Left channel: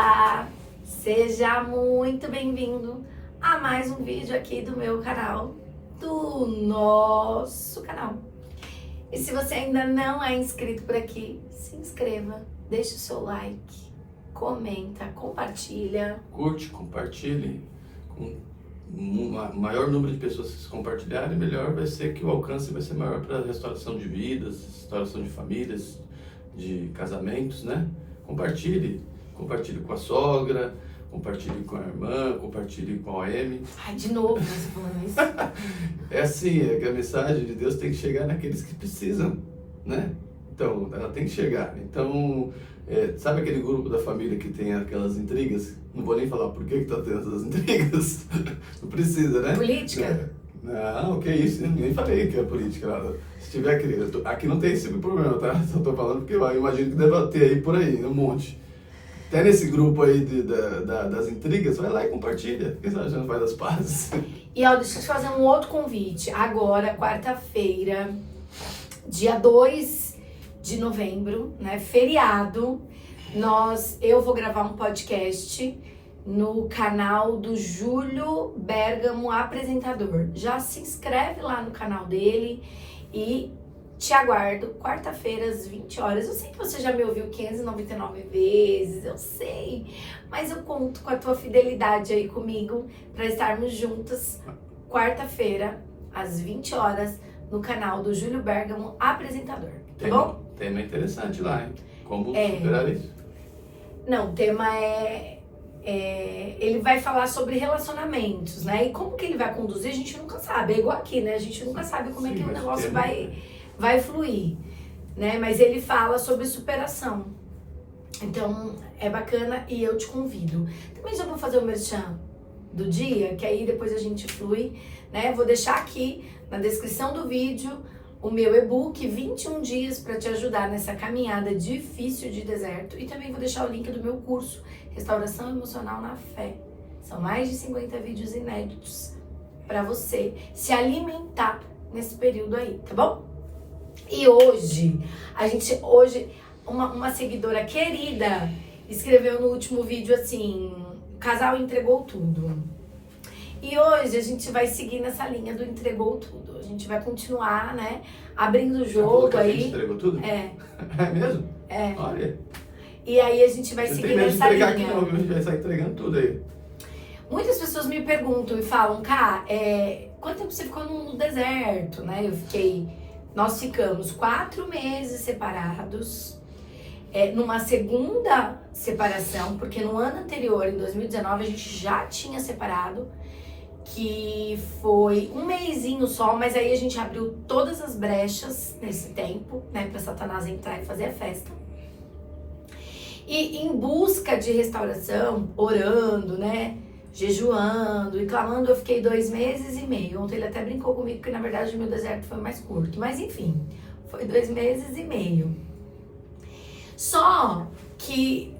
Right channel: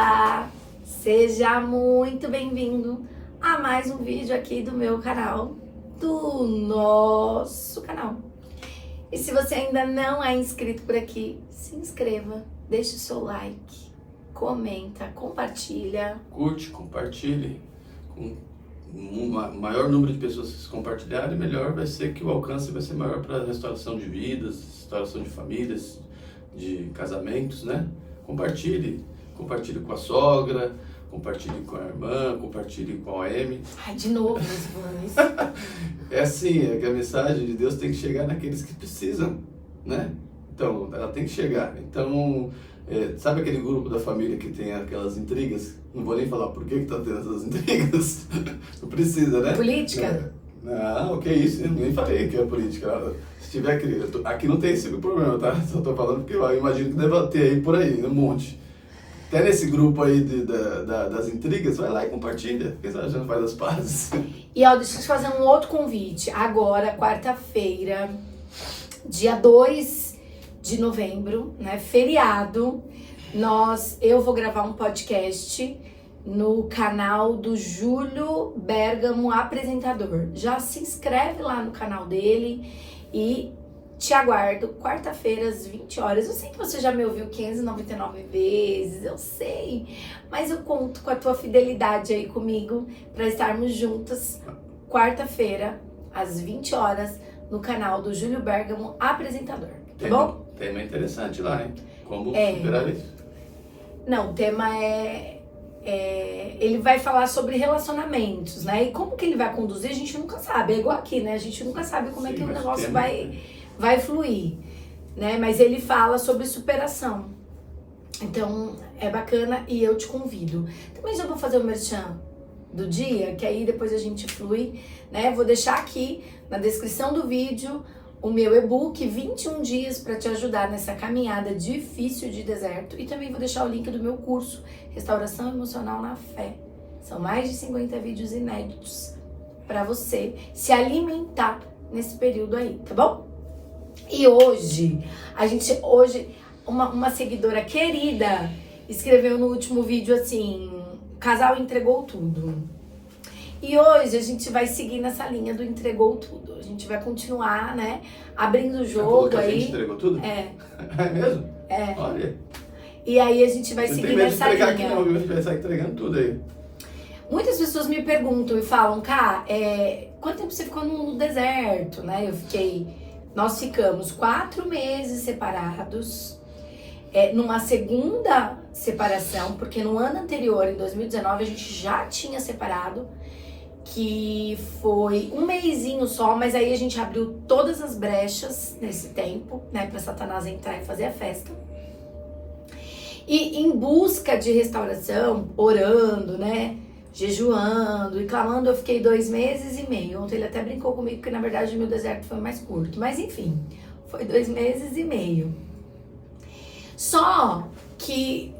Olá, seja muito bem-vindo a mais um vídeo aqui do meu canal, do nosso canal. E se você ainda não é inscrito por aqui, se inscreva, deixe o seu like, comenta, compartilha. Curte, compartilhe. Com um maior número de pessoas que se compartilharem, melhor vai ser que o alcance vai ser maior para a restauração de vidas, restauração de famílias, de casamentos, né? Compartilhe com a sogra, compartilhe com a irmã, compartilhe com a OM. Ai, de novo você falando isso. É assim, é que a mensagem de Deus tem que chegar naqueles que precisam, né? Então, ela tem que chegar. Então, sabe aquele grupo da família que tem aquelas intrigas? Não vou nem falar por que tá tendo essas intrigas. Não precisa, né? Política? Não, que isso, nem falei que é política. Se tiver aqui não tem esse problema, tá? Só tô falando porque eu imagino que deve ter aí por aí, um monte. Até nesse grupo aí das intrigas, vai lá e compartilha. Quem sabe a gente faz as pazes. E ó, deixa eu te fazer um outro convite. Agora, quarta-feira, dia 2 de novembro, né? Feriado, eu vou gravar um podcast no canal do Júlio Bergamo Apresentador. Já se inscreve lá no canal dele e te aguardo quarta-feira às 20 horas. Eu sei que você já me ouviu 599 vezes, eu sei, mas eu conto com a tua fidelidade aí comigo para estarmos juntas quarta-feira às 20 horas no canal do Júlio Bergamo Apresentador, tá bom? Tema interessante lá, hein? Como superar isso? Não, o tema ele vai falar sobre relacionamentos, né? E como que ele vai conduzir, a gente nunca sabe. É igual aqui, né? A gente nunca sabe como é que o negócio vai fluir, né? Mas ele fala sobre superação. Então, é bacana e eu te convido. Também já vou fazer o merchan do dia, que aí depois a gente flui, né? Vou deixar aqui na descrição do vídeo o meu e-book 21 dias para te ajudar nessa caminhada difícil de deserto, e também vou deixar o link do meu curso Restauração Emocional na Fé. São mais de 50 vídeos inéditos para você se alimentar nesse período aí, tá bom? E hoje, uma seguidora querida escreveu no último vídeo assim: o casal entregou tudo. E hoje a gente vai seguir nessa linha do entregou tudo. A gente vai continuar, né, abrindo o jogo aí. A gente entregou tudo? É. É mesmo? É. Olha. E aí a gente vai seguir nessa linha. Aqui, não, a gente vai sair entregando tudo aí. Muitas pessoas me perguntam e falam, Cá, quanto tempo você ficou no deserto, né? Nós ficamos 4 meses separados, numa segunda separação, porque no ano anterior, em 2019, a gente já tinha separado, que foi um mesinho só, mas aí a gente abriu todas as brechas nesse tempo, né, pra Satanás entrar e fazer a festa. E em busca de restauração, orando, né, jejuando e clamando, eu fiquei 2 meses e meio. Ontem ele até brincou comigo que na verdade o meu deserto foi mais curto, mas enfim, foi 2 meses e meio. Só que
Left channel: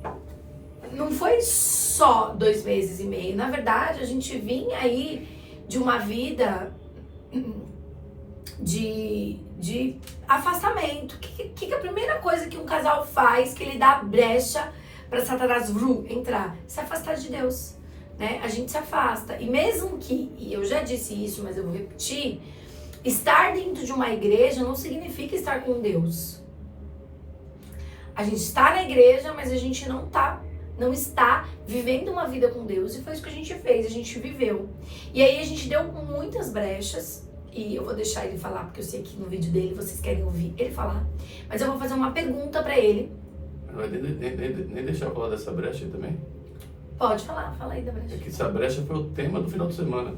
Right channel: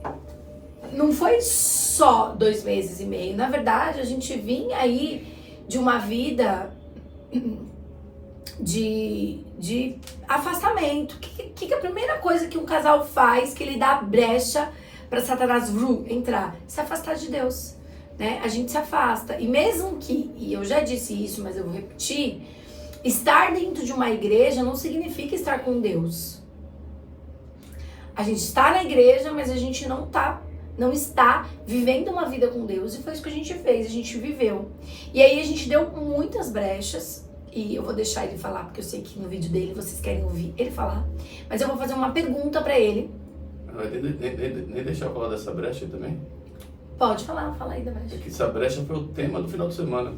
não foi só 2 meses e meio. Na verdade, a gente vinha aí de uma vida de afastamento. O que é a primeira coisa que um casal faz, que ele dá brecha para Satanás entrar? Se afastar de Deus, né? A gente se afasta. E mesmo que, e eu já disse isso, mas eu vou repetir, estar dentro de uma igreja não significa estar com Deus. A gente está na igreja, mas a gente não está vivendo uma vida com Deus, e foi isso que a gente fez, a gente viveu. E aí a gente deu muitas brechas, e eu vou deixar ele falar, porque eu sei que no vídeo dele vocês querem ouvir ele falar, mas eu vou fazer uma pergunta pra ele. Vai nem deixar eu falar dessa brecha aí também? Pode falar, fala aí da brecha. É que essa brecha foi o tema do final de semana.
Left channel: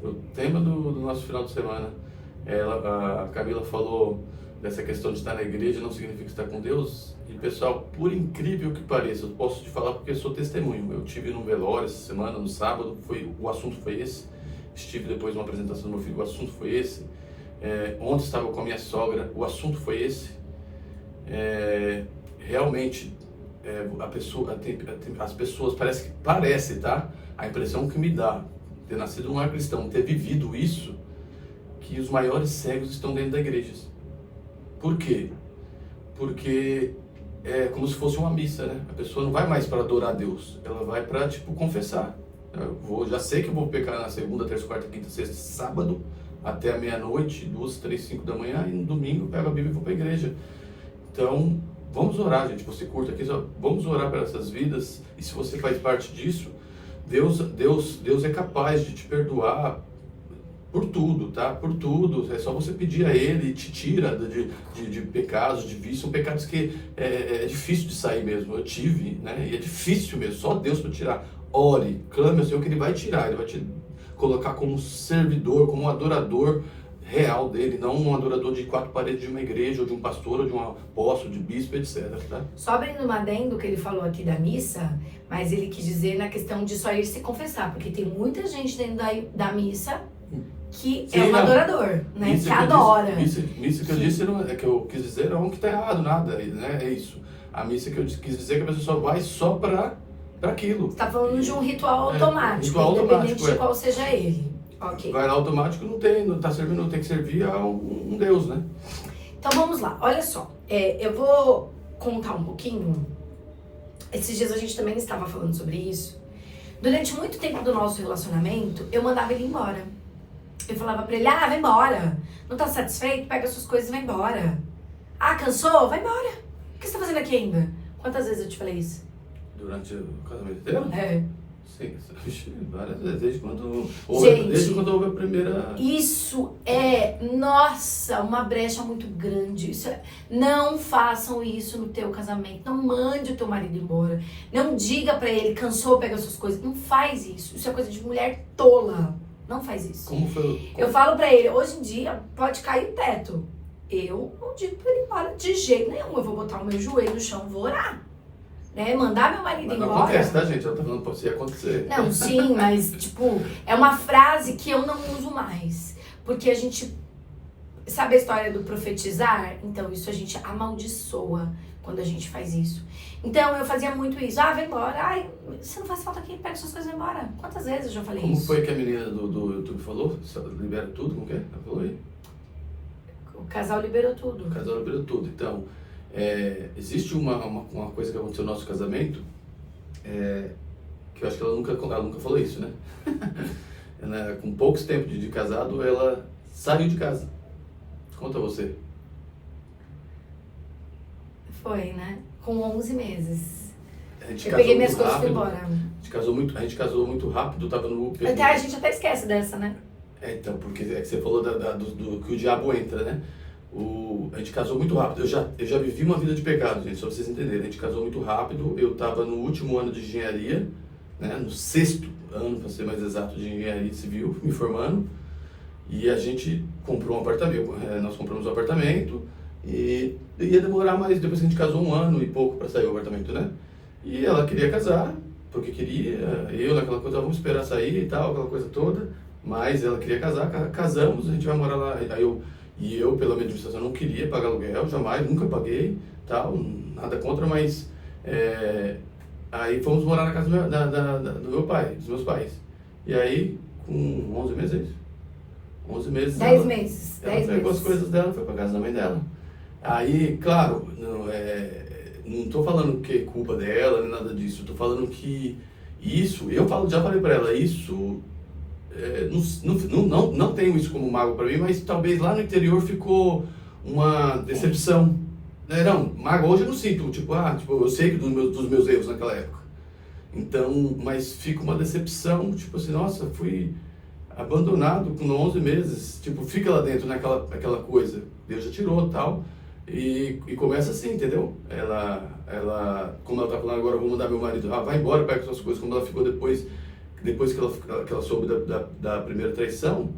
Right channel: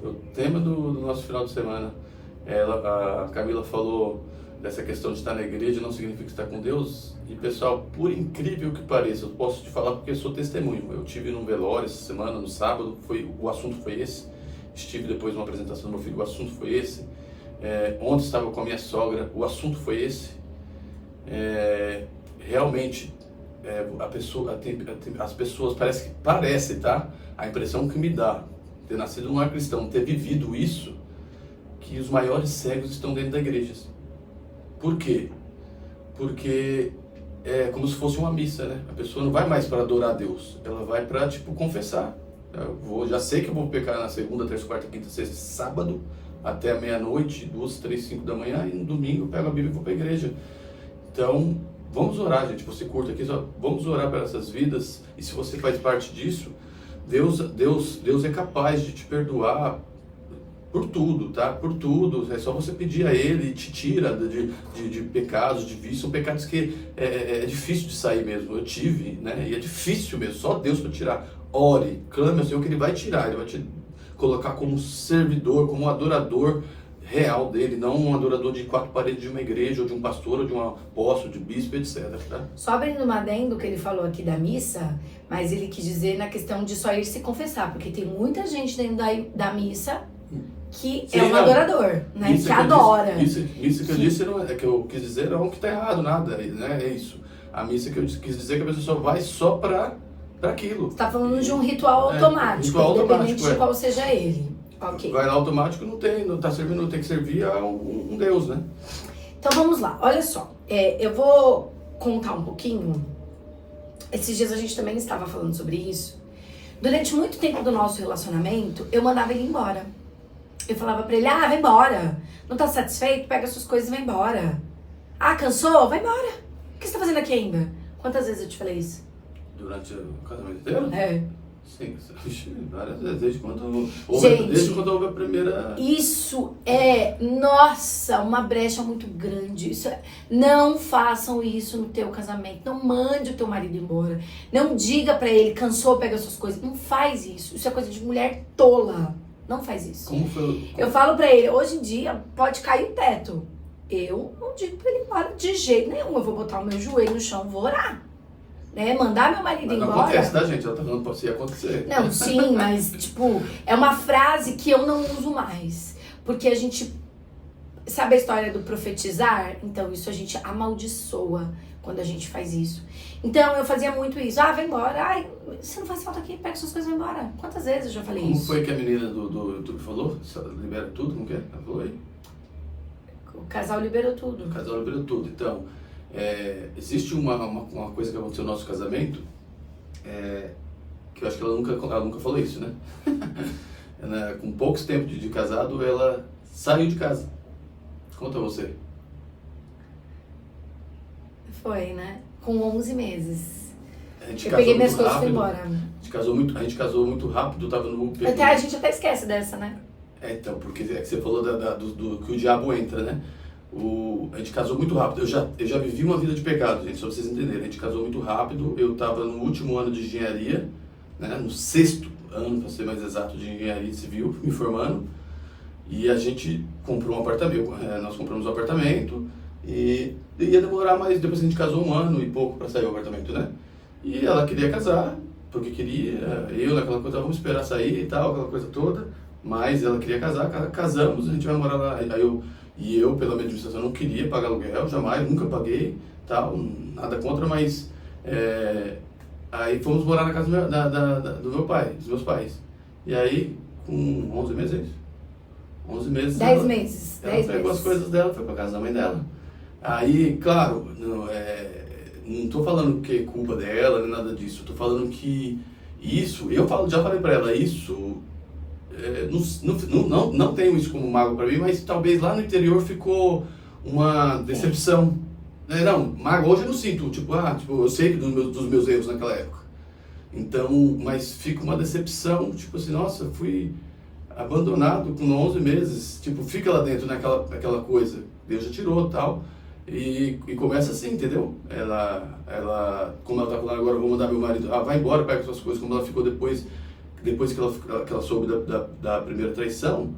Foi o tema do nosso final de semana. A Camila falou dessa questão de estar na igreja não significa estar com Deus. E pessoal, por incrível que pareça, eu posso te falar porque eu sou testemunho. Eu tive num velório essa semana, no sábado, o assunto foi esse. Estive depois numa apresentação do meu filho, o assunto foi esse. Ontem estava com a minha sogra, o assunto foi esse. Realmente, as pessoas, parece, tá? A impressão que me dá, ter nascido um lar cristão, ter vivido isso, que os maiores cegos estão dentro da igreja. Por quê? Porque é como se fosse uma missa, né? A pessoa não vai mais para adorar a Deus, ela vai para, tipo, confessar. Já sei que eu vou pecar na segunda, terça, quarta, quinta, sexta, sábado, até a meia-noite, 2, 3, 5 da manhã, e no domingo pego a Bíblia e vou para a igreja. Então, vamos orar, gente. Você curta aqui, vamos orar para essas vidas. E se você faz parte disso, Deus é capaz de te perdoar por tudo, tá? Por tudo. É só você pedir a Ele e te tira de pecados, de vícios. São pecados que é difícil de sair mesmo. Eu tive, né? E é difícil mesmo. Só Deus para tirar. Ore, clame ao Senhor que Ele vai tirar. Ele vai te colocar como servidor, como um adorador real dele, não um adorador de 4 paredes de uma igreja, ou de um pastor, ou de um apóstolo, de bispo, etc. Tá? Só abrindo uma adendo que ele falou aqui da missa, mas ele quis dizer na questão de só ir se confessar, porque tem muita gente dentro da missa que Sim, é um adorador, né? Que adora. Isso que eu disse, não é que eu quis dizer, não que está errado, nada, né? É isso. A missa que eu quis dizer é que a pessoa só vai só para aquilo. Você está falando de um ritual automático, ritual independente automático, de qual seja ele. Ok. Vai lá automático, não está servindo, tem que servir a um Deus, né? Então vamos lá, olha só. Eu vou contar um pouquinho. Esses dias a gente também estava falando sobre isso. Durante muito tempo do nosso relacionamento, eu mandava ele embora. Eu falava pra ele, vai embora. Não tá satisfeito? Pega suas coisas e vai embora. Cansou? Vai embora. O que você tá fazendo aqui ainda? Quantas vezes eu te falei isso? Durante o casamento inteiro? É. Sim, várias vezes, desde quando houve a primeira... Isso é, nossa, uma brecha muito grande. Não façam isso no teu casamento. Não mande o teu marido embora. Não diga pra ele, cansou, pega suas coisas. Não faz isso. Isso é coisa de mulher tola. Não faz isso. Como foi? Eu falo pra ele, hoje em dia pode cair o teto. Eu não digo pra ele embora de jeito nenhum. Eu vou botar o meu joelho no chão e vou orar. Né? Mandar meu marido embora. Não acontece, tá, gente? Ela tá falando pra você acontecer. Não, sim, mas, tipo, é uma frase que eu não uso mais. Porque a gente... Sabe a história do profetizar? Então, isso a gente amaldiçoa quando a gente faz isso. Então, eu fazia muito isso. Vai embora. Você não faz falta aqui, pega suas coisas e vai embora. Quantas vezes eu já falei isso? Como foi que a menina do YouTube falou? Libera tudo? Como que é? Ela falou aí? O casal liberou tudo. O casal liberou tudo. Então... existe uma coisa que aconteceu no nosso casamento, que eu acho que ela nunca falou isso, né? Com poucos tempos de casado, ela saiu de casa. Conta você. Foi, né? Com 11 meses. Eu peguei minhas coisas e fui embora. A gente casou muito rápido, tava no... A gente até esquece dessa, né? Então, porque você falou do que o diabo entra, né? A gente casou muito rápido. Eu já vivi uma vida de pecado, gente, só pra vocês entenderem. A gente casou muito rápido. Eu estava no último ano de engenharia, né, no 6º ano, para ser mais exato, de engenharia civil, me formando. E a gente comprou um apartamento. Nós compramos um apartamento e ia demorar mais. Depois que a gente casou 1 ano e pouco para sair o apartamento, né? E ela queria casar, porque queria. Eu, naquela coisa, vamos esperar sair e tal, aquela coisa toda. Mas ela queria casar, casamos, a gente vai morar lá. E eu, pela minha administração, não queria pagar aluguel, jamais, nunca paguei, tal, nada contra, mas aí fomos morar na casa do meu pai, dos meus pais. E aí, com 11 meses, é isso? 11 meses. 10 meses. Ela pegou as coisas dela, foi pra casa da mãe dela. Aí, claro, não tô falando que é culpa dela, nem nada disso, tô falando que isso, já falei pra ela, isso... não tenho isso como mágoa para mim, mas talvez lá no interior ficou uma decepção. Não, mágoa hoje eu não sinto, tipo, eu sei dos meus erros naquela época. Então, mas fica uma decepção, tipo assim, nossa, fui abandonado com 11 meses, tipo, fica lá dentro naquela coisa, Deus já tirou tal, e começa assim, entendeu? Ela, como ela tá falando agora, eu vou mandar meu marido, vai embora, pega suas coisas, como ela ficou depois que ela soube da primeira traição,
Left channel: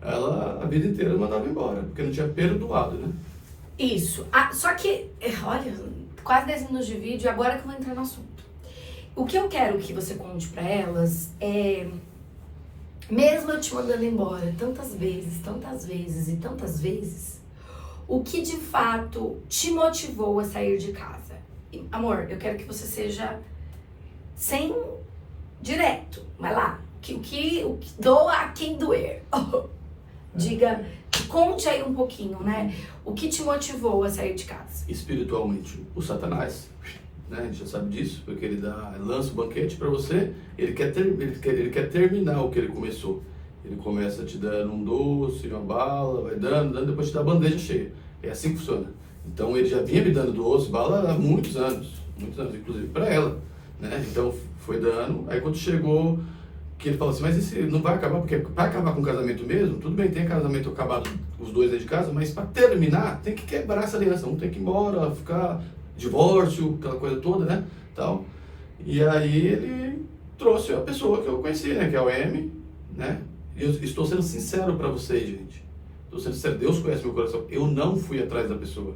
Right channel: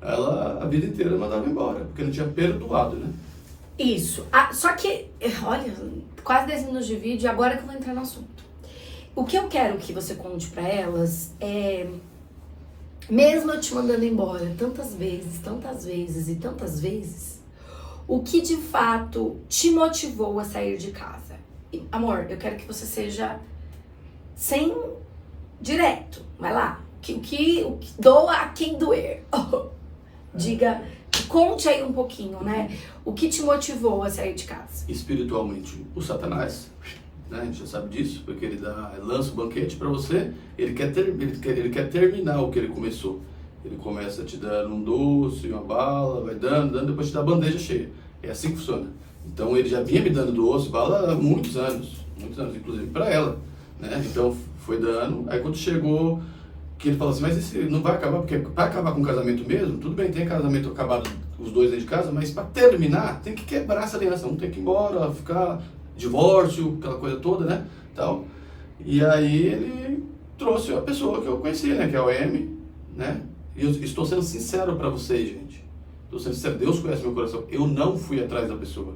ela a vida inteira mandava embora, porque não tinha perdoado, né? Isso. Só que, olha, quase 10 minutos de vídeo, agora que eu vou entrar no assunto. O que eu quero que você conte pra elas é, mesmo eu te mandando embora tantas vezes, o que de fato te motivou a sair de casa? E, amor, eu quero que você seja sem... direto, vai lá. O que doa a quem doer. Diga, conte aí um pouquinho, né? O que te motivou a sair de casa? Espiritualmente, o Satanás, né? A gente já sabe disso, porque ele lança o banquete para você, ele quer terminar o que ele começou. Ele começa te dando um doce, uma bala, vai dando, depois te dá a bandeja cheia. É assim que funciona. Então ele já vinha me dando doce, bala há muitos anos, inclusive para ela, né? Então foi dando, aí quando chegou, que ele falou assim, mas esse não vai acabar, porque para acabar com o casamento mesmo, tudo bem, tem casamento acabado, os dois dentro de casa, mas para terminar, tem que quebrar essa aliança, um tem que ir embora, ficar divórcio, aquela coisa toda, né? Tal. E aí ele trouxe a pessoa que eu conheci, né? Que é o M, né? E eu estou sendo sincero para vocês, gente. Estou sendo sincero, Deus conhece meu coração. Eu não fui atrás da pessoa.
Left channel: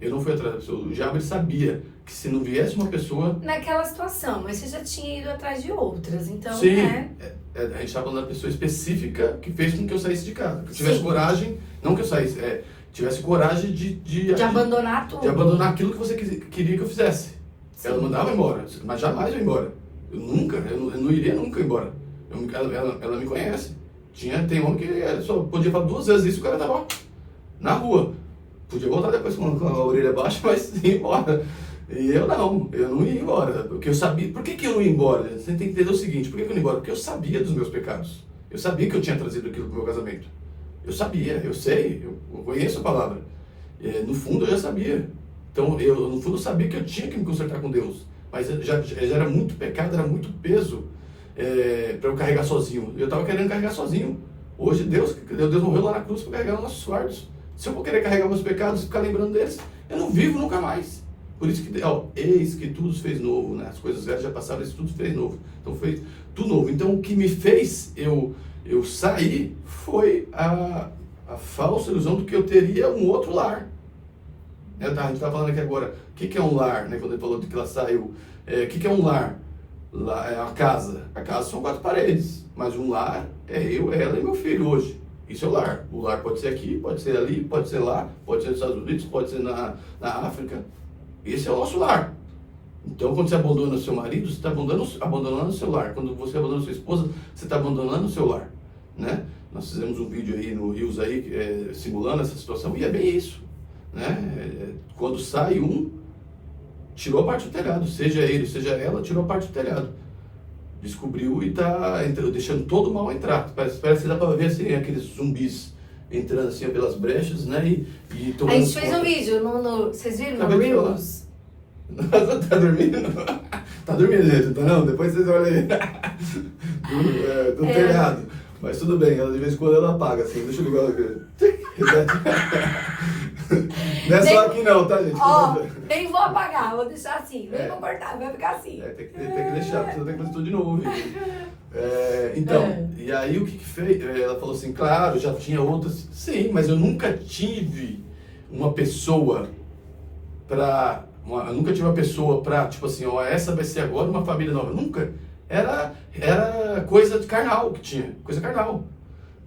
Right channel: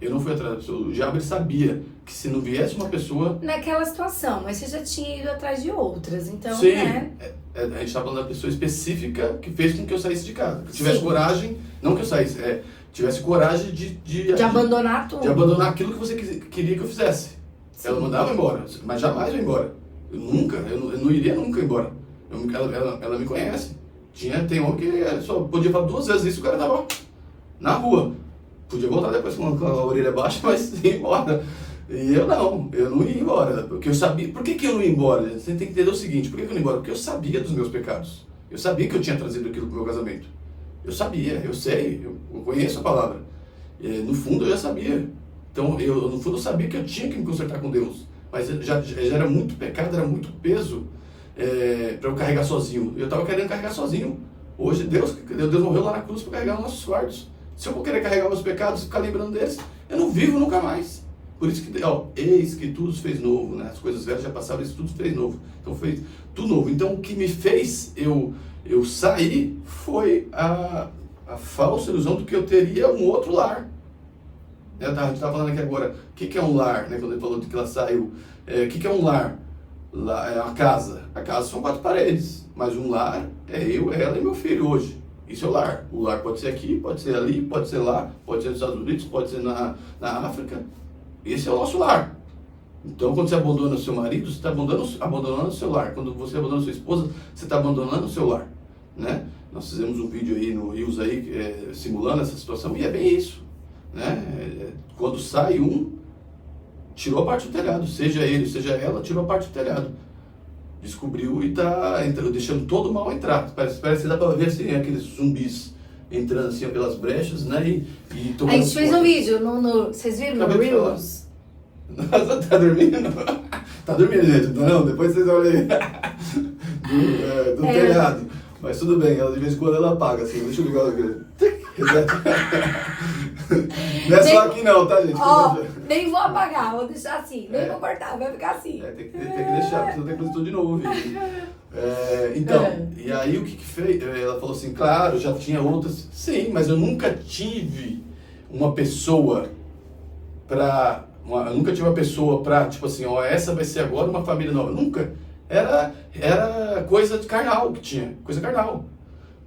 O diabo sabia que se não viesse uma pessoa... Naquela situação, mas você já tinha ido atrás de outras, então, Sim, né? A gente está falando da pessoa específica que fez com que eu saísse de casa. Que tivesse coragem, não que eu saísse, tivesse coragem de abandonar tudo. De abandonar aquilo que você queria que eu fizesse. Sim. Ela mandava embora, mas jamais eu ia embora. Eu não iria nunca embora. Ela me conhece. Tem homem que só podia falar 2 vezes isso, o cara tava na rua. Podia voltar depois com a orelha baixa, mas ia embora. E eu não ia embora, porque eu sabia. Por que eu não ia embora? Você tem que entender o seguinte, por que eu não ia embora? Porque eu sabia dos meus pecados. Eu sabia que eu tinha trazido aquilo para o meu casamento. Eu sabia, eu sei, eu conheço a palavra. No fundo eu já sabia. Então, no fundo eu sabia que eu tinha que me consertar com Deus. Mas já era muito pecado, era muito peso para eu carregar sozinho. Eu estava querendo carregar sozinho. Hoje Deus morreu lá na cruz para carregar os nossos fardos. Se eu vou querer carregar meus pecados e ficar lembrando deles, eu não vivo nunca mais. Por isso que, eis que tudo se fez novo, né? As coisas velhas já passaram, isso tudo se fez novo. Então foi tudo novo. Então o que me fez eu sair foi a falsa ilusão de que eu teria um outro lar. A gente estava falando aqui agora, o que é um lar, né? Quando ele falou de que ela saiu, o que é um lar? É a casa. A casa são 4 paredes, mas um lar é eu, ela e meu filho hoje. Isso é o lar. O lar pode ser aqui, pode ser ali, pode ser lá, pode ser nos Estados Unidos, pode ser na África. Esse é o nosso lar. Então, quando você abandona o seu marido, você está abandonando o seu lar. Quando você abandona a sua esposa, você está abandonando o seu lar, né? Nós fizemos um vídeo aí no Reels aí, simulando essa situação, e é bem isso, né? Quando sai tirou a parte do telhado, seja ele, seja ela, tirou a parte do telhado. Descobriu e está deixando todo o mal entrar. Parece que dá para ver assim, aqueles zumbis entrando assim pelas brechas, né? A gente fez um vídeo, vocês viram no Reels? Nossa, tá dormindo? Tá dormindo, gente, tá não? Depois vocês olham aí. Do telhado. Mas tudo bem, ela de vez em quando ela apaga, assim, deixa eu ligar Não é só aqui não, tá, gente? Nem vou apagar, vou deixar assim, nem vou cortar, vai ficar assim. Tem que deixar, porque senão tem que fazer tudo de novo. Então, e aí o que fez? Ela falou assim, claro, já tinha outras, sim, mas eu nunca tive uma pessoa pra, tipo assim, essa vai ser agora uma família nova. Nunca. Era coisa de carnal que tinha, coisa carnal.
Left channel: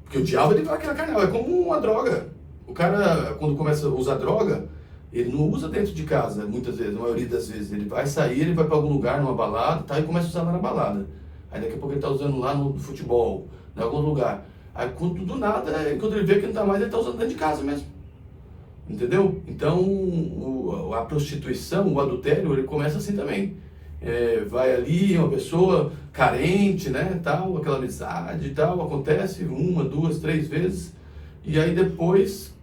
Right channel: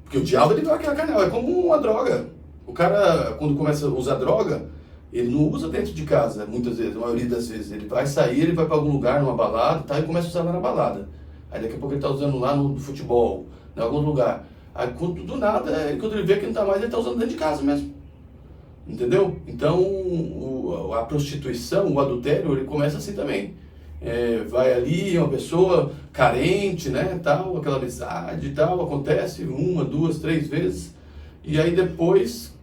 Porque o diabo, ele vai aquela carnal, é como uma droga. O cara, quando começa a usar droga, ele não usa dentro de casa, muitas vezes, a maioria das vezes. Ele vai sair, ele vai para algum lugar, numa balada, tá, e começa a usar lá na balada. Aí daqui a pouco ele tá usando lá no futebol, em algum lugar. Aí quando do nada, quando ele vê que não tá mais, ele tá usando dentro de casa mesmo. Entendeu? Então, a prostituição, o adultério, ele começa assim também. Vai ali, uma pessoa carente, né, tal, aquela amizade e tal, acontece 1, 2, 3 vezes. E aí depois,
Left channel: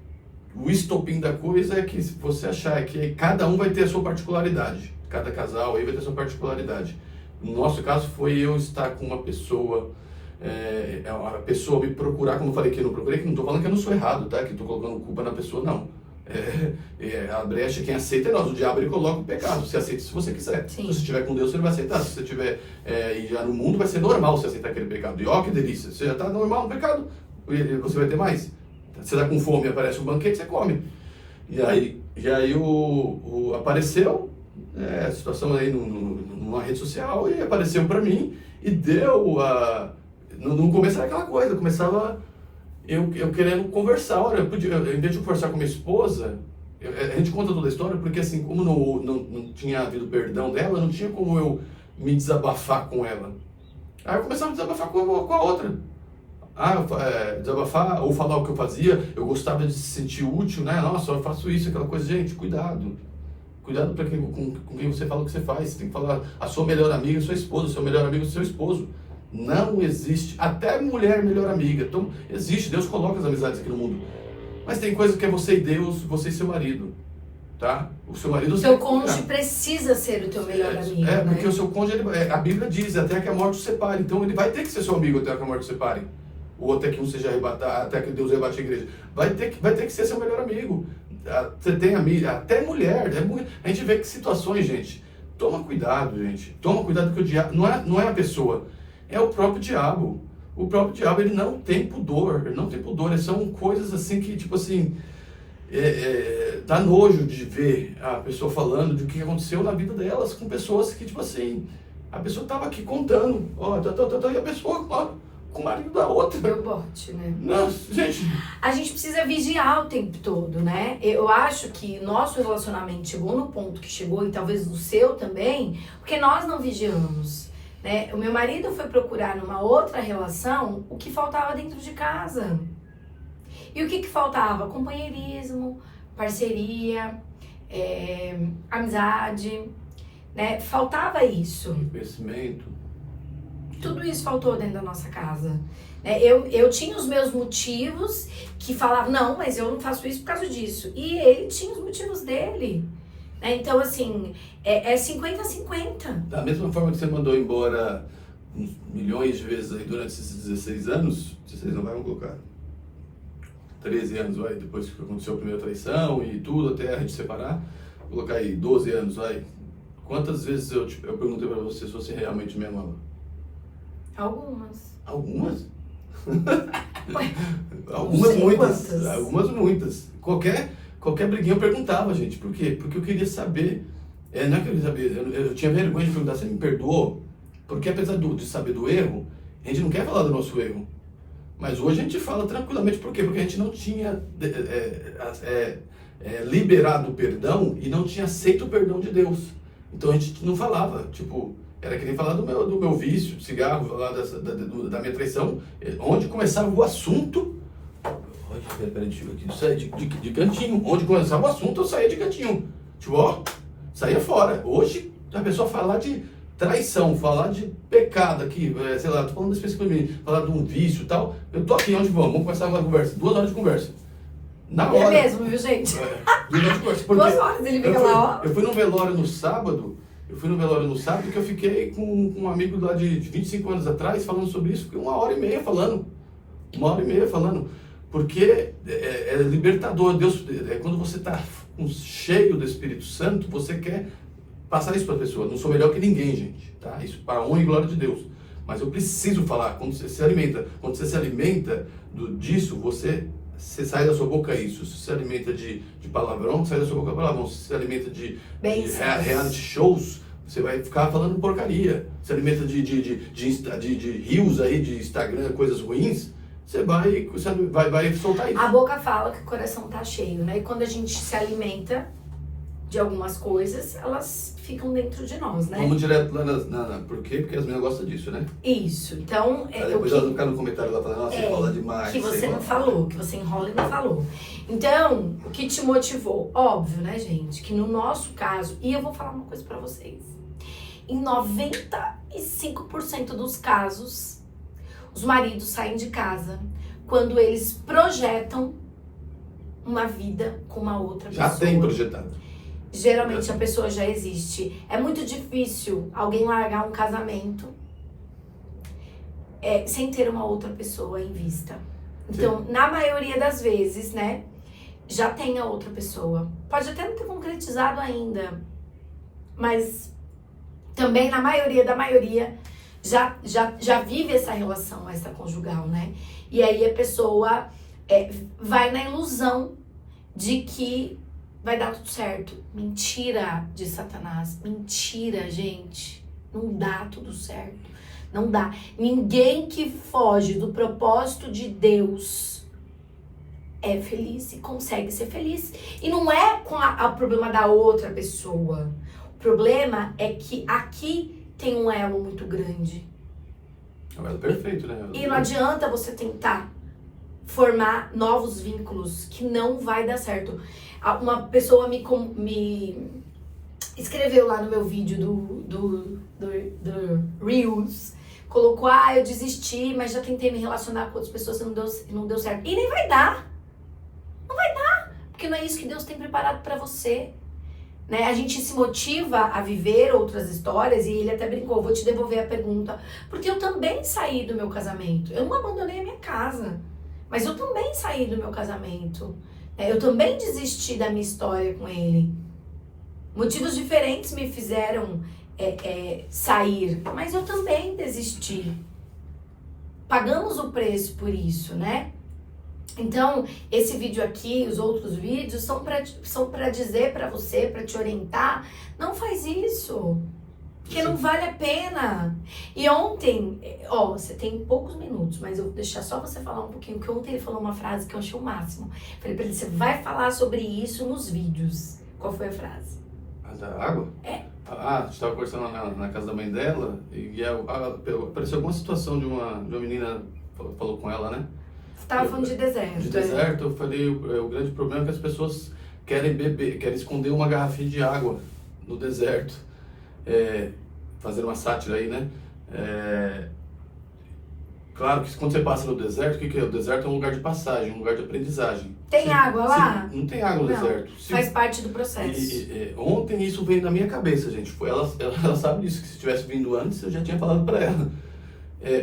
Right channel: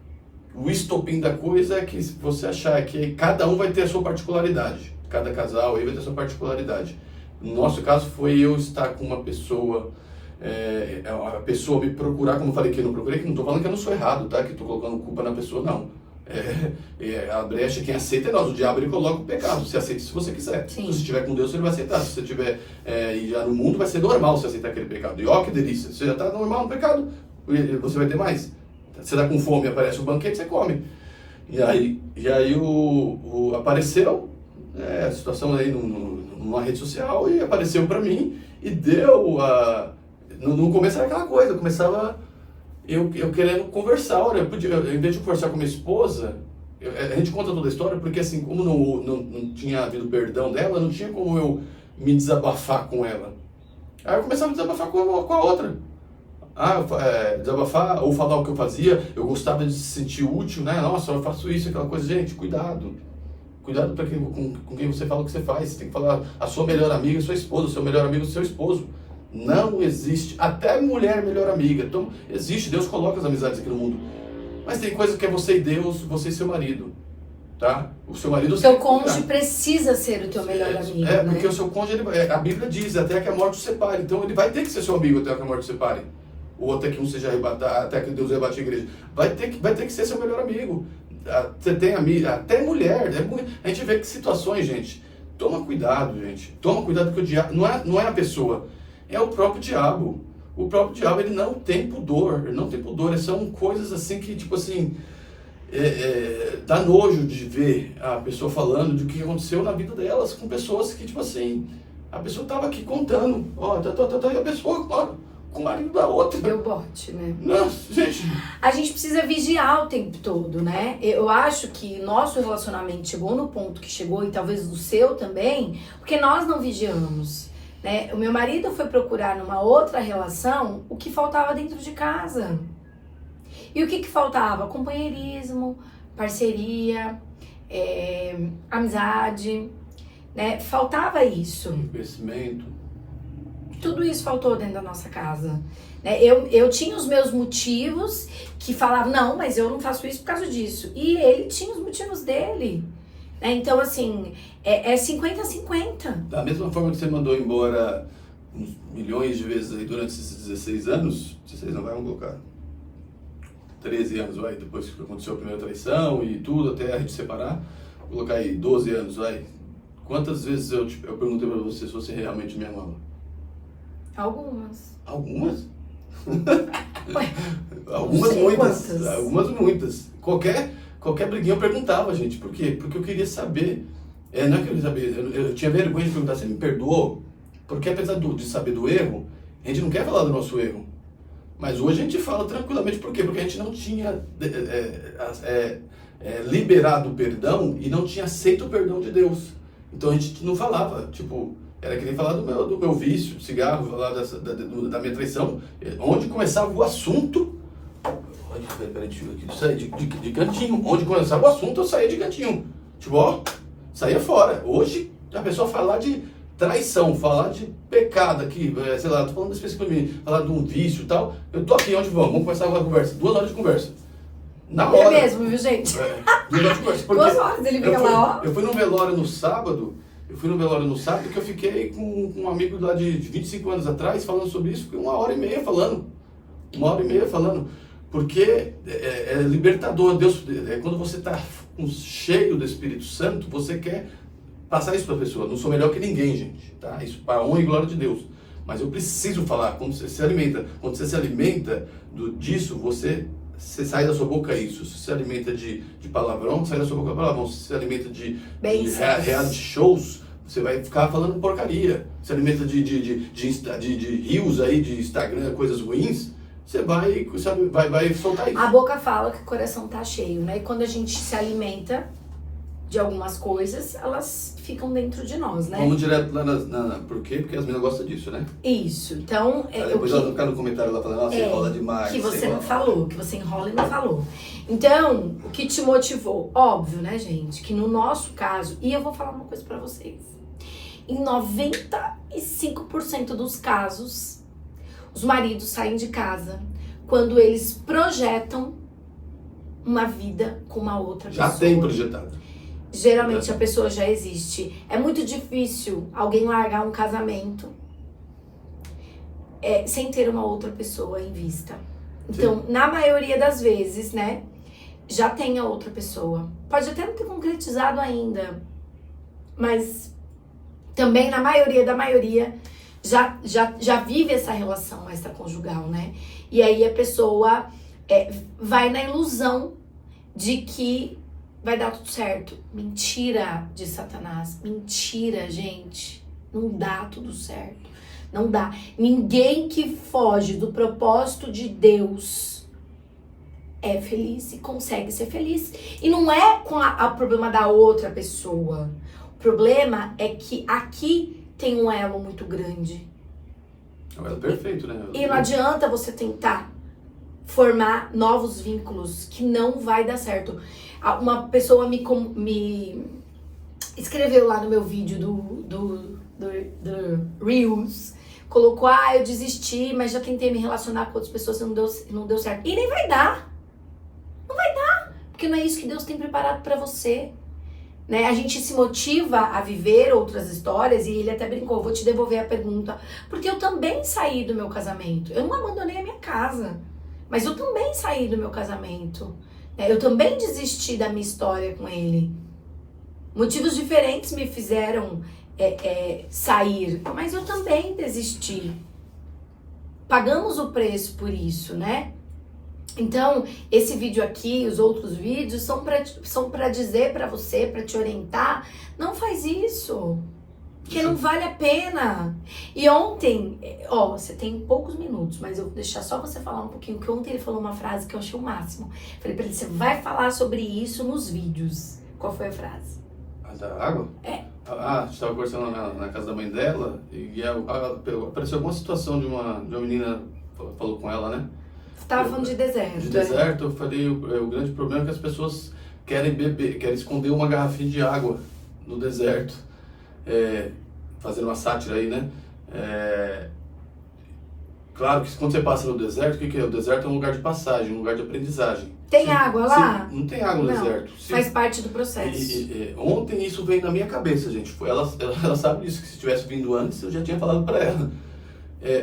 o estopim da coisa é que se você achar que aí cada um vai ter a sua particularidade. Cada casal aí vai ter a sua particularidade. No nosso caso foi eu estar com uma pessoa, a pessoa me procurar, como eu falei que eu não procurei, que não estou falando que eu não sou errado, tá? Que estou colocando culpa na pessoa, não. A brecha, quem aceita é nós. O diabo, ele coloca o pecado. Você aceita se você quiser. Sim. Se você estiver com Deus, ele vai aceitar. Se você estiver já no mundo, vai ser normal você aceitar aquele pecado. E ó, que delícia. Você já está normal no pecado, você vai ter mais. Você está com fome, aparece um banquete, você come. E aí apareceu a situação aí numa rede social e apareceu para mim e deu no começo era aquela coisa, começava eu querendo conversar. Olha, em vez de conversar com minha esposa, a gente conta toda a história porque assim, como não tinha havido perdão dela, não tinha como eu me desabafar com ela. Aí eu começava a desabafar com a outra. desabafar ou falar o que eu fazia, eu gostava de se sentir útil, né? Nossa, eu faço isso, aquela coisa. Gente, cuidado. Cuidado com quem você fala o que você faz. Você tem que falar a sua melhor amiga, sua esposa, o seu melhor amigo, seu esposo. Não existe, até mulher melhor amiga. Então, existe, Deus coloca as amizades aqui no mundo. Mas tem coisa que é você e Deus, você e seu marido. Tá? O seu marido... Seu cônjuge precisa ser o teu melhor amigo, né? Porque o seu cônjuge, a Bíblia diz, até que a morte o separe. Então ele vai ter que ser seu amigo até que a morte o separe. Ou até que um seja arrebatado, até que Deus arrebate a igreja. Vai ter que ser seu melhor amigo. Você tem amiga, até mulher. A gente vê que situações, gente. Toma cuidado, gente. Toma cuidado que o diabo não é a pessoa, é o próprio diabo. O próprio diabo, ele não tem pudor. Ele não tem pudor. São coisas assim que, tipo assim... dá nojo de ver a pessoa falando do que aconteceu na vida delas com pessoas que, tipo assim, a pessoa tava aqui contando, e a pessoa, com o marido da outra. Deu bote, né? Nossa, gente. A gente precisa vigiar o tempo todo, né? Eu acho que nosso relacionamento chegou no ponto que chegou, e talvez o seu também, porque nós não vigiamos, né? O meu marido foi procurar numa outra relação o que faltava dentro de casa. E o que faltava? Companheirismo, parceria, amizade, né? Faltava isso. Conhecimento. Tudo isso faltou dentro da nossa casa. Né? Eu tinha os meus motivos que falavam, não, mas eu não faço isso por causa disso. E ele tinha os motivos dele. Né? Então, assim, é 50-50. Da mesma forma que você mandou embora uns milhões de vezes aí durante esses 16 anos, 16 não vai, vamos colocar... 13 anos, vai, depois que aconteceu a primeira traição e tudo, até a gente separar, vou colocar aí 12 anos, vai. Quantas vezes eu perguntei pra você se você realmente me amava? Algumas. Algumas? Ué, algumas muitas. Quantas? Algumas muitas. Qualquer briguinha eu perguntava, gente. Por quê? Porque eu queria saber. Não é que eu queria saber, eu tinha vergonha de perguntar, você me perdoou? Porque apesar de saber do erro, a gente não quer falar do nosso erro. Mas hoje a gente fala tranquilamente, por quê? Porque a gente não tinha liberado o perdão e não tinha aceito o perdão de Deus. Então a gente não falava, tipo, era que nem falar do meu vício, cigarro, falar da minha traição. Onde começava o assunto, peraí, deixa eu aqui, saia de cantinho. Onde começava o assunto, eu saía de cantinho. Tipo, saía fora. Hoje a pessoa falar de traição, falar de pecado aqui, sei lá, tô falando especificamente, falar de um vício e tal, eu tô aqui, onde vamos começar uma conversa, 2 horas de conversa. Na hora. É mesmo, viu, gente? 2 horas de conversa. 2 horas ele fica lá, ó. Eu fui no velório no sábado que eu fiquei com um amigo lá de 25 anos atrás falando sobre isso, fiquei 1h30 falando. 1h30 falando. Porque é libertador. Deus, quando você está cheio do Espírito Santo, você quer passar isso para a pessoa. Não sou melhor que ninguém, gente. Tá? Isso para a honra e glória de Deus. Mas eu preciso falar. Quando você se alimenta disso, você sai da sua boca isso. Se se alimenta de palavrão, sai da sua boca palavrão. Se se alimenta de reality shows, você vai ficar falando porcaria. Se alimenta de rios aí, de Instagram, coisas ruins, você vai soltar isso. A boca fala que o coração tá cheio, né? E quando a gente se alimenta de algumas coisas, elas ficam dentro de nós, né? Vamos direto lá por quê? Porque as meninas gostam disso, né? Isso. Então, depois elas vão ficar no comentário lá falando, nossa, enrola demais. Que você não falou, que você enrola e não falou. Então, o que te motivou? Óbvio, né, gente? Que no nosso caso, e eu vou falar uma coisa pra vocês. Em 95% dos casos, os maridos saem de casa quando eles projetam uma vida com uma outra pessoa. Já tem projetado. Geralmente a pessoa já existe. É muito difícil alguém largar um casamento sem ter uma outra pessoa em vista. Então, na maioria das vezes, né, já tem a outra pessoa. Pode até não ter concretizado ainda, mas também na maioria da maioria já vive essa relação extraconjugal, né? E aí a pessoa vai na ilusão de que vai dar tudo certo. Mentira de Satanás. Mentira, gente. Não dá tudo certo. Não dá. Ninguém que foge do propósito de Deus é feliz e consegue ser feliz. E não é com o problema da outra pessoa. O problema é que aqui tem um elo muito grande. É perfeito, né? E não adianta você tentar formar novos vínculos, que não vai dar certo. Uma pessoa me escreveu lá no meu vídeo do Reels, colocou, eu desisti, mas já tentei me relacionar com outras pessoas e não deu certo. E nem vai dar. Não vai dar, porque não é isso que Deus tem preparado pra você. Né? A gente se motiva a viver outras histórias, e ele até brincou, vou te devolver a pergunta, porque eu também saí do meu casamento. Eu não abandonei a minha casa, mas eu também saí do meu casamento. Né? Eu também desisti da minha história com ele. Motivos diferentes me fizeram sair, mas eu também desisti. Pagamos o preço por isso, né? Então, esse vídeo aqui, os outros vídeos, são pra dizer pra você, pra te orientar, não faz isso, porque não vale a pena. E ontem, você tem poucos minutos, mas eu vou deixar só você falar um pouquinho, que ontem ele falou uma frase que eu achei o máximo. Falei pra ele, você vai falar sobre isso nos vídeos. Qual foi a frase? A da água? É. A gente estava conversando na casa da mãe dela, e apareceu alguma situação de uma menina, falou com ela, né? Você tava falando de deserto. De deserto, eu falei, o grande problema é que as pessoas querem beber, querem esconder uma garrafinha de água no deserto, fazendo uma sátira aí, né? Claro que quando você passa no deserto, o que é? O deserto é um lugar de passagem, um lugar de aprendizagem. Tem água lá? Não tem água no deserto. Faz parte do processo. Ontem isso veio na minha cabeça, gente. Ela sabe disso, que se tivesse vindo antes, eu já tinha falado para ela.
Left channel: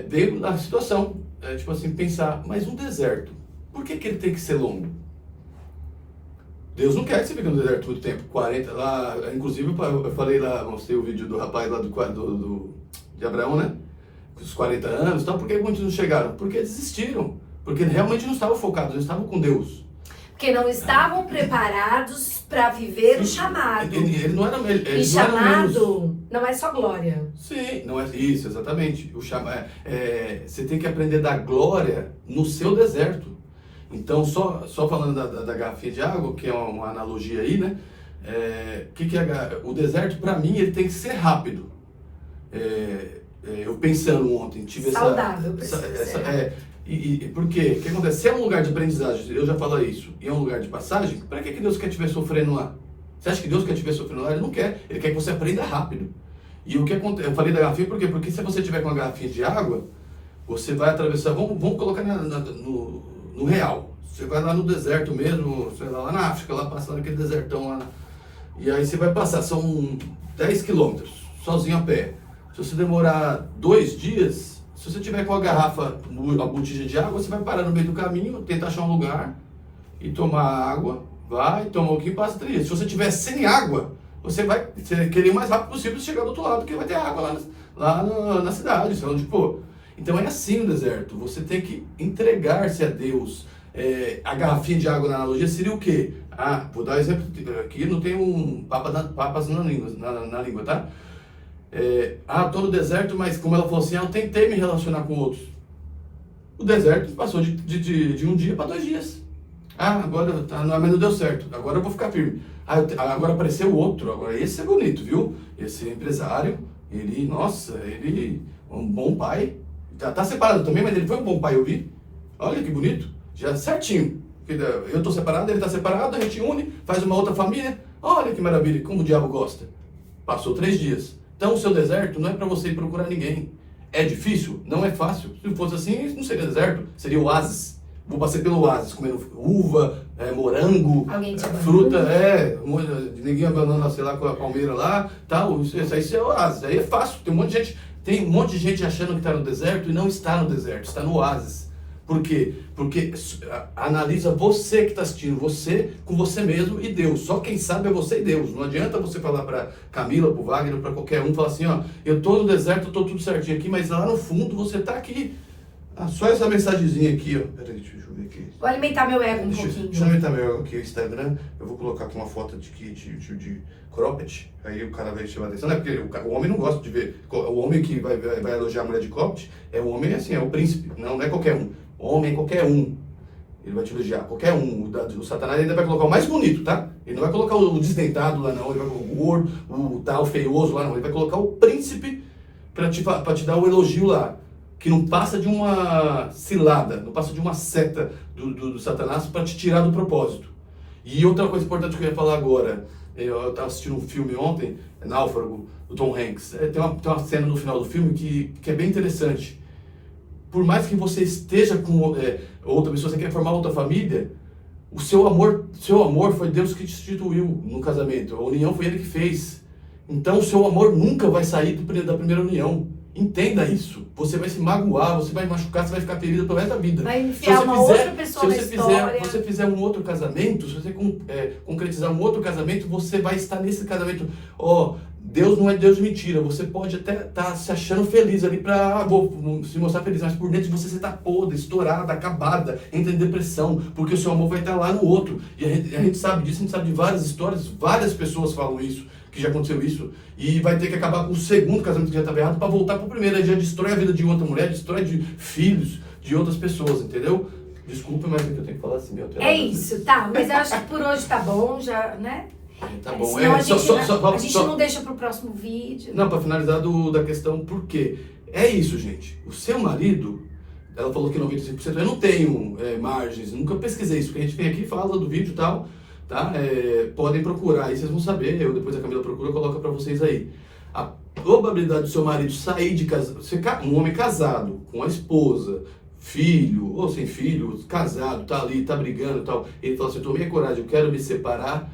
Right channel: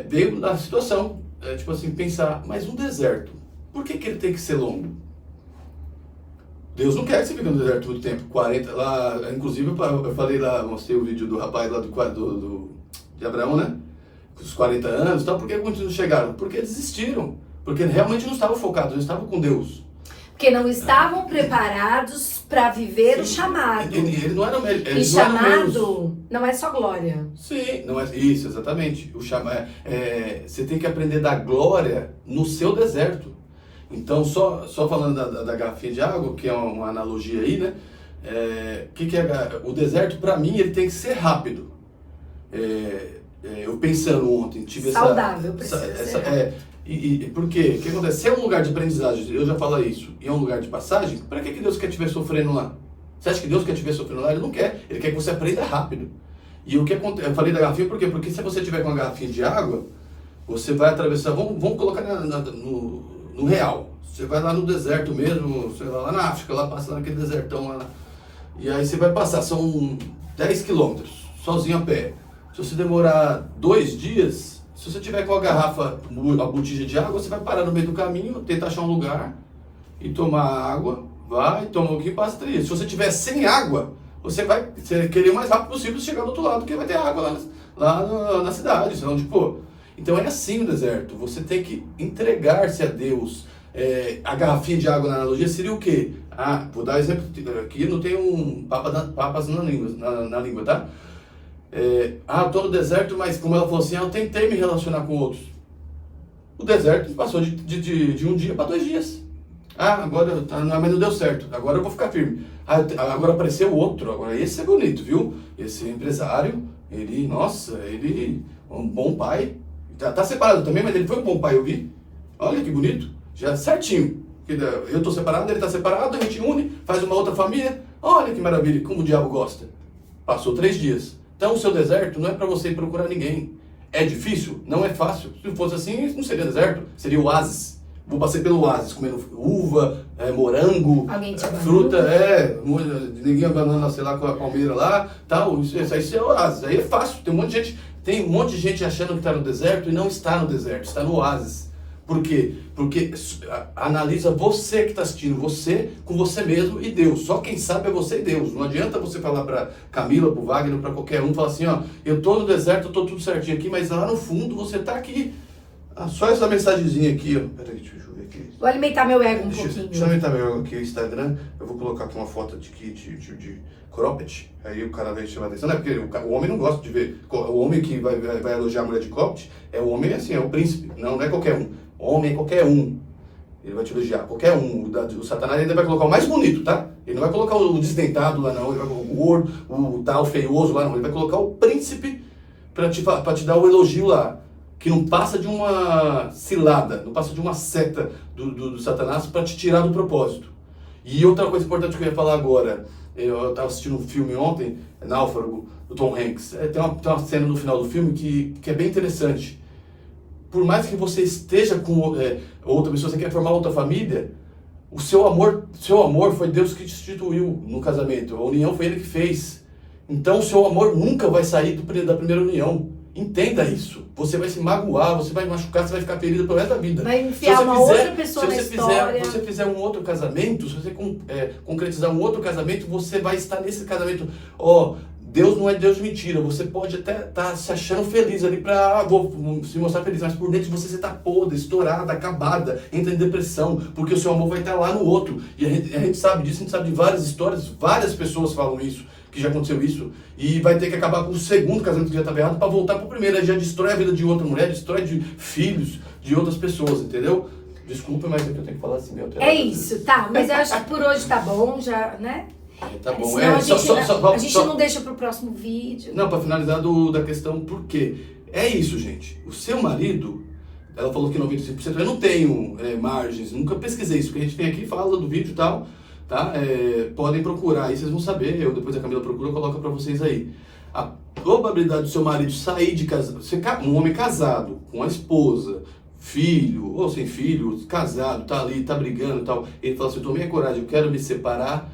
Veio na situação, tipo assim, pensar, mas um deserto, por que ele tem que ser longo? Deus não quer que você fique no deserto muito tempo, 40, lá, inclusive eu falei lá, mostrei o vídeo do rapaz lá de Abraão, né? Com os 40 anos e tal, por que muitos não chegaram? Porque desistiram, porque realmente não estavam focados, não estavam com Deus. Porque não estavam preparados para viver o chamado. Ele não era E chamado não é só glória. Sim, não é isso, exatamente. Você tem que aprender da glória no seu deserto. Então, só falando da garrafinha de água, que é uma analogia aí, né? O deserto, para mim, ele tem que ser rápido. Eu pensando ontem, tive saudável, por quê? O que acontece? Se é um lugar de aprendizagem, eu já falo isso, e é um lugar de passagem, para que Deus quer te ver sofrendo lá? Você acha que Deus quer te ver sofrendo lá? Ele não quer. Ele quer que você aprenda rápido. E o que acontece? Eu falei da garrafinha por quê? Porque se você tiver com uma garrafinha de água, você vai atravessar, vamos colocar no real. Você vai lá no deserto mesmo, sei lá na África, lá passando aquele desertão lá. E aí você vai passar, são 10 quilômetros, sozinho a pé. Se você demorar 2 dias, se você tiver com a garrafa, a botija de água, você vai parar no meio do caminho, tenta achar um lugar e tomar água, vai, toma um pouquinho e passa 3 dias. Se você tiver sem água, você vai querer o mais rápido possível chegar do outro lado, porque vai ter água lá na cidade, sei lá onde for. Então é assim o deserto, você tem que entregar-se a Deus. A garrafinha de água na analogia seria o quê? Vou dar um exemplo, aqui não tem papas na língua, tá? Estou no deserto, mas como ela falou assim, eu tentei me relacionar com outros. O deserto passou de 1 dia para 2 dias. Agora mas não deu certo, agora eu vou ficar firme. Agora apareceu outro, agora esse é bonito, viu? Esse empresário, ele é um bom pai. Tá separado também, mas ele foi um bom pai, eu vi. Olha que bonito, já certinho. Eu tô separado, ele tá separado, a gente une, faz uma outra família. Olha que maravilha, como o diabo gosta. Passou 3 dias. Então o seu deserto não é para você ir procurar ninguém. É difícil? Não é fácil. Se fosse assim, não seria deserto, seria oásis. Vou passar pelo oásis, comendo uva, morango, fruta, ninguém abanando, sei lá, com a palmeira lá, tal. Isso aí é oásis. Aí é fácil. Tem um monte de gente achando que está no deserto e não está no deserto, está no oásis. Por quê? Porque analisa você que está assistindo, você com você mesmo e Deus. Só quem sabe é você e Deus. Não adianta você falar para Camila, para o Wagner, para qualquer um, falar assim, eu estou no deserto, eu estou tudo certinho aqui, mas lá no fundo você está aqui. Só essa mensagenzinha aqui, Peraí, deixa eu ver aqui. Vou alimentar meu ego um pouquinho. Deixa eu alimentar meu ego aqui, o Instagram. Eu vou colocar aqui uma foto de cropped. Aí o cara vai chamar atenção, né? Porque o homem não gosta de ver. O homem que vai elogiar a mulher de cropped é o homem assim, é o príncipe. Não é qualquer um. Homem é qualquer um. Ele vai te elogiar, qualquer um. O Satanás ainda vai colocar o mais bonito, tá? Ele não vai colocar o desdentado lá não, ele vai colocar o gordo, o tal feioso lá não. Ele vai colocar o príncipe pra te dar o elogio lá. que não passa de uma cilada, não passa de uma seta do Satanás para te tirar do propósito. E outra coisa importante que eu ia falar agora, eu estava assistindo um filme ontem, Náufrago, do Tom Hanks. Tem uma cena no final do filme que é bem interessante. Por mais que você esteja com outra pessoa, você quer formar outra família, o seu amor foi Deus que te instituiu no casamento. A união foi Ele que fez. Então o seu amor nunca vai sair da primeira união. Entenda isso. Você vai se magoar, você vai machucar, você vai ficar ferido pelo resto da vida. Vai enfiar outra pessoa na história. Se você fizer um outro casamento, se você concretizar um outro casamento, você vai estar nesse casamento. Deus não é Deus de mentira. Você pode até estar se achando feliz ali vou se mostrar feliz, mas por dentro de você está podre, estourada, acabada, entra em depressão, porque o seu amor vai estar lá no outro. E a gente sabe disso, a gente sabe de várias histórias, várias pessoas falam isso, que já aconteceu isso, e vai ter que acabar com o segundo casamento que já estava errado para voltar para o primeiro. Aí já destrói a vida de outra mulher, destrói de filhos de outras pessoas, entendeu? Desculpa, mas é que eu tenho que falar assim, meu Deus. É isso, tá. Mas eu acho que por hoje tá bom, já, né? Tá bom. Senão a gente não deixa pro próximo vídeo. Não, para finalizar da questão, por quê? É isso, gente. O seu marido, ela falou que 95%, eu não tenho margens, nunca pesquisei isso, porque a gente vem aqui e fala do vídeo e tal, tá? Podem procurar aí, vocês vão saber, depois a Camila procura, coloca para vocês aí. A probabilidade do seu marido sair de casa, um homem casado, com a esposa, filho, ou sem filho, casado, tá ali, tá brigando e tal, ele fala assim, eu tomei a coragem, eu quero me separar,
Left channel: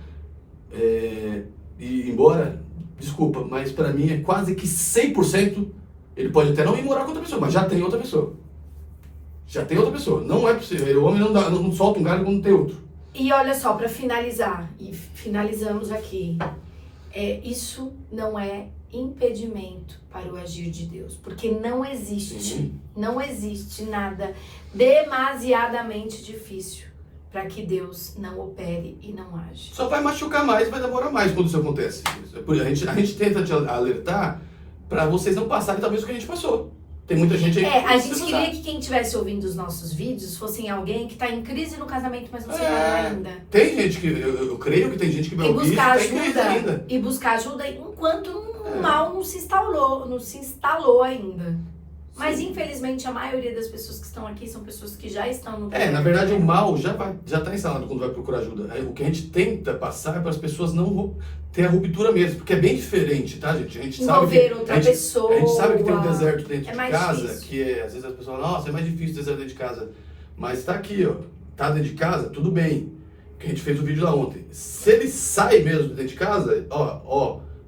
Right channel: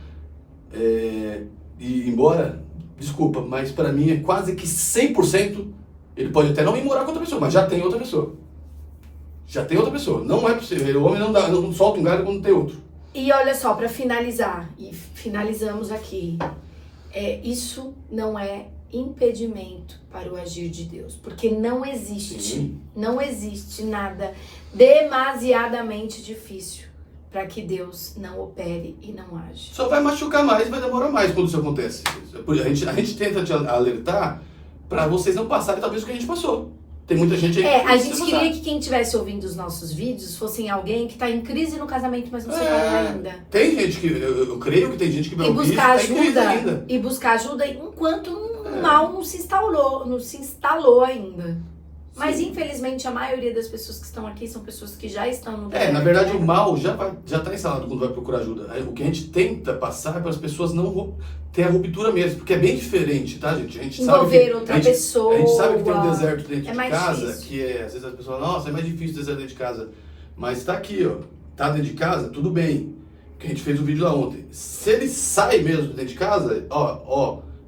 e ir embora, desculpa, mas pra mim é quase que 100%, ele pode até não ir morar com outra pessoa, mas já tem outra pessoa. Já tem outra pessoa. Não é possível. O homem não solta um galho quando tem outro. E olha só, pra finalizar, e finalizamos aqui, isso não é impedimento para o agir de Deus, porque não existe nada demasiadamente difícil para que Deus não opere e não age. Só vai machucar mais, vai demorar mais quando isso acontece. A gente tenta te alertar para vocês não passarem talvez o que a gente passou. Tem muita gente aí a gente queria que quem estivesse ouvindo os nossos vídeos fossem alguém que está em crise no casamento, mas não separou ainda. Tem gente que, eu creio que tem gente que vai ouvir e buscar ajuda enquanto o mal não se instalou ainda. Mas infelizmente a maioria das pessoas que estão aqui são pessoas que já estão no casamento. Na verdade o mal já está instalado quando vai procurar ajuda. O que a gente tenta passar é para as pessoas não ter a ruptura mesmo, porque é bem diferente, tá, gente? A gente envolver outra pessoa. A gente sabe que tem um deserto dentro de casa, difícil. que às vezes as pessoas falam, nossa, é mais difícil o deserto dentro de casa. Mas tá aqui, tá dentro de casa, tudo bem. Que a gente fez o vídeo lá ontem. Se ele sai mesmo de dentro de casa,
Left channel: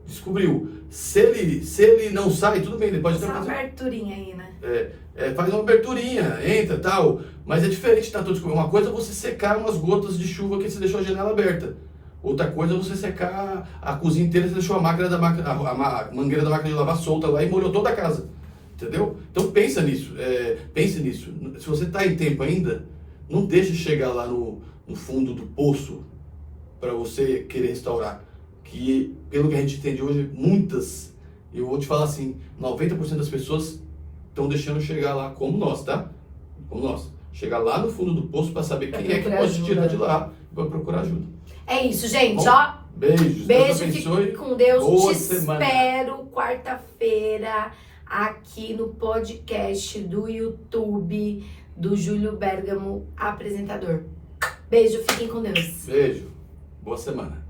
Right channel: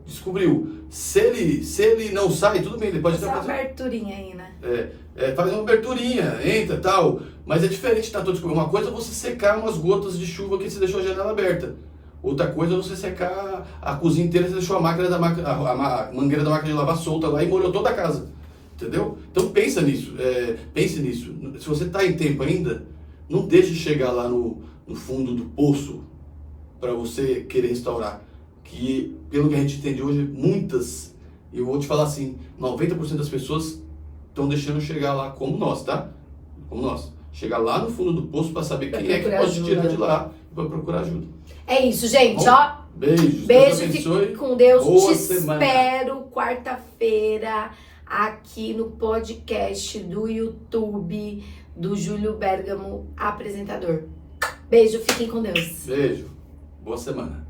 descobriu. Se ele não sai, tudo bem, ele pode fazer uma aberturinha aí, né? Faz uma aberturinha, entra e tal. Mas é diferente, tá? Uma coisa é você secar umas gotas de chuva que você deixou a janela aberta. Outra coisa é você secar a cozinha inteira, você deixou a mangueira da máquina de lavar solta lá e molhou toda a casa. Entendeu? Então pense nisso. Se você está em tempo ainda, não deixe chegar lá no fundo do poço para você querer restaurar. Que, pelo que a gente entende hoje, eu vou te falar assim, 90% das pessoas estão deixando chegar lá, como nós, tá? Como nós. Chegar lá no fundo do poço para saber quem é que pode tirar de lá e para procurar ajuda. É isso, gente. Bom, beijo, fique com Deus. Boa Te semana. espero quarta-feira aqui no podcast do YouTube do Júlio Bergamo, apresentador. Beijo, fiquem com Deus. Beijo. Boa semana.